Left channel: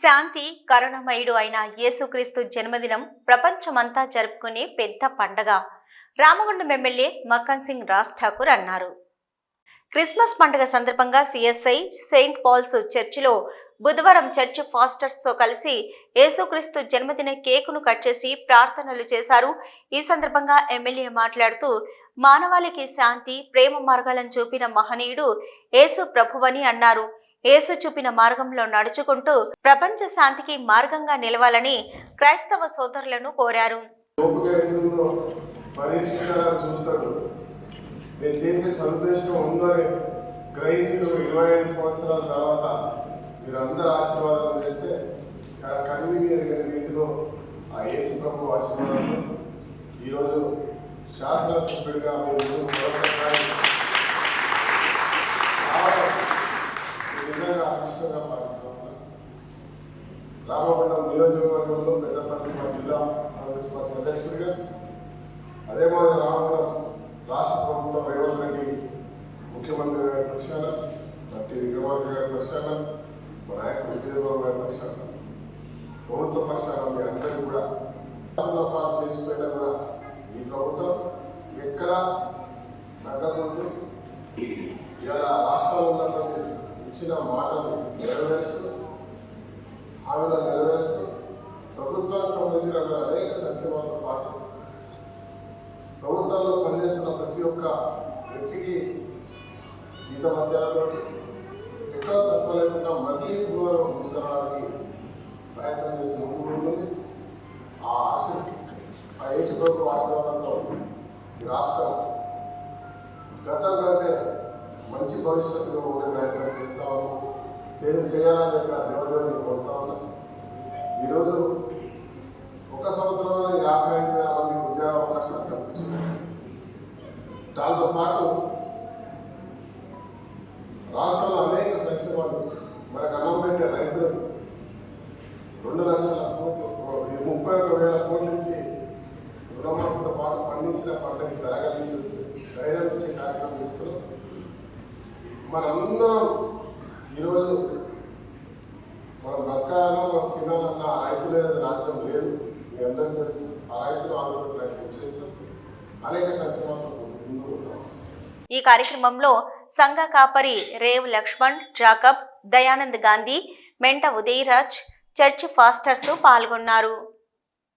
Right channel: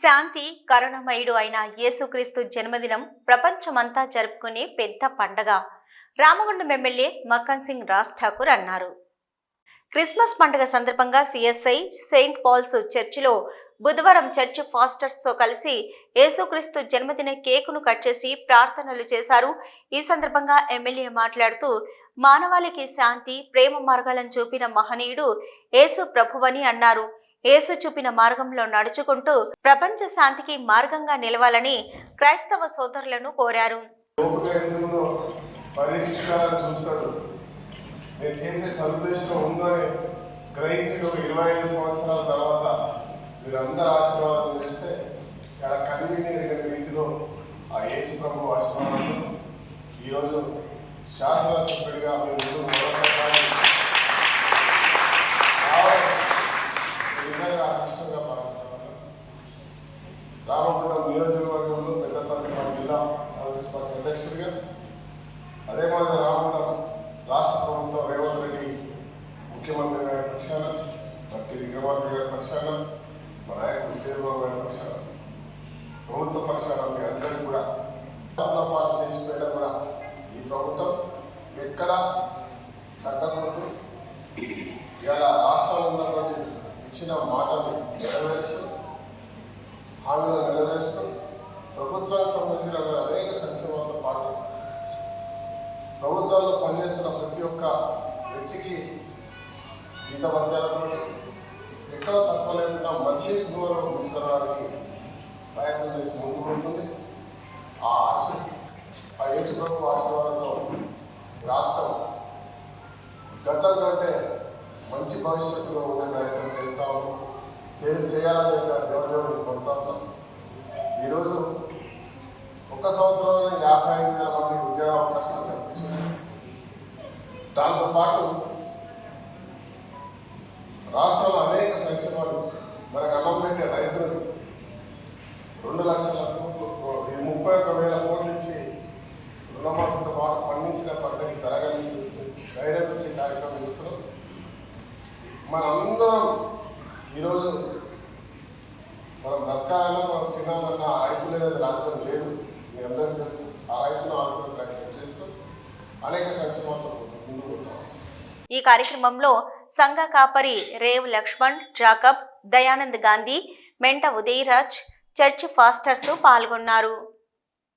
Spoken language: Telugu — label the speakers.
Speaker 1: శాంతి కరుణమయుడు అయిన యేసుక్రీస్తు జన్మదినం ప్రపంచమంతా జరుపుకునే పెద్ద పండగ. రామగుండం ఎమ్మెల్యే మక్కన్ సింగ్ రాజ్ ఠాకూర్ అన్నారు. క్రిస్మస్ పండుగ సందర్భంగా సిఎస్ఐ సెయింట్ పాల్స్ చర్చిలో బుధవారం చర్చ్ ఫాస్టర్స్తో కలిసి యేసుక్రీస్తు జన్మదిన కేకును కట్ చేసి ప్రార్థనలు చేశారు. ఈ సందర్భంగా ఎమ్మెల్యే మాట్లాడుతూ మానవాళికి శాంతి ప్రేమ మార్గాలను చూపిన మహనీయుడు యేసు ప్రభువని అన్నారు. యేసు చూపిన మార్గంలో నడుచుకుంటూ ప్రపంచ శాంతికి మార్గంగా నిలవాలని క్రైస్తవ సోదరులను కోరారు.
Speaker 2: నేను చేసే ఉందని ఇరవై ఐదు సంవత్సరాల తర్వాత ఆశీర్వాదం చేస్తే రీతిలో ఆ యేసు ప్రభు ఆశీర్వాదంతో ఈరోజు శాసనసభ్యుడిగా మీ ముందు పోరాటాన్ని రావడం ఈ అదృష్టంగా భావిస్తున్నాను రామగుండం నియోజకవర్గంలో పెద్దపల్లి మా జిల్లా కాంగ్రెస్ అధ్యక్షుడిగా అదే మాదిరి రామగుండం రాష్ట్ర ప్రభుత్వం రేవంత్ రెడ్డి ముఖ్యమంత్రి గారి పక్షాన మట్టి విక్రమార్క గారి పక్షాన మా నాయకుడు శ్రీబాబు గారి పక్షాన ప్రభుత్వ పక్షాన మీ అందరినీ కూడా పాలు చేసిపోయినా కూడా ఈ ప్రభుత్వం ఎక్కడా తగ్గకుండా ఇవాళ రాష్ట్రం ఉన్నటువంటి ఇచ్చిన మాటను నెరవేరుస్తూ హామీలను నెరవేరుస్తూ ప్రభుత్వానికి సంబంధించిన అనేక సంక్షేమాలతో పాటు ప్రభుత్వాల్లో పనిచేస్తున్న ప్రతి ఒక్క వ్యక్తికి జీతభత్యాలతో ఎక్కడ తక్కువ లేకుండా మళ్ళీ గృహంలో తీసుకురావడానికి ప్రయత్నం చేసి ముందుకు ఉంటుంది. ఆ ఆశ ఆ యేసుప్రభు ఆశీర్వాదంతో రాష్ట్రం గతం కంటే మంచి భవిష్యత్తులో ఉండే ప్రయత్నం చేదు చేయాలని చెప్పి ఆ దేవదేవుని కొడతా ఉన్నాం. ఈరోజు ఒక సంవత్సరంలో యాభై ఐదు వేల మందికి ఉద్యోగ అవకాశాలు కల్పించారు దాంతో పాటు రాష్ట్రంలో అనేక సంక్షేమాలు మనకు అన్నం పెట్టే రైతులు రెండు లక్షల కోట్లు ముప్పై ఒక వేల కోట్ల నుంచి రుణమాఫీతో పాటు పండించిన పంటకి ధర కల్పిస్తుంది గైడెన్స్ ఇచ్చే కార్యక్రమం ఇస్తున్నాం మనందరం ఈరోజు మనం బ్రతకాలన్నా మనం తినాలన్న రైతులు అనేది రాజ్యం లేదు మీ అందరూ తెలుసు ఆ రైతులు ఆందోళన ప్రయత్నం చేస్తూ అనేక సంక్షేమాలు ముందుకు పోతున్నాం.
Speaker 1: ఈ కార్యక్రమంలో సంఘ కాపరి రేవ్ లక్ష్మణ్ జాకబ్ దయానంద్ గాంధీ మెంట ఉదయరాజ్ చర్చ్ ఫాస్టర్స్ పాల్గొన్నారు.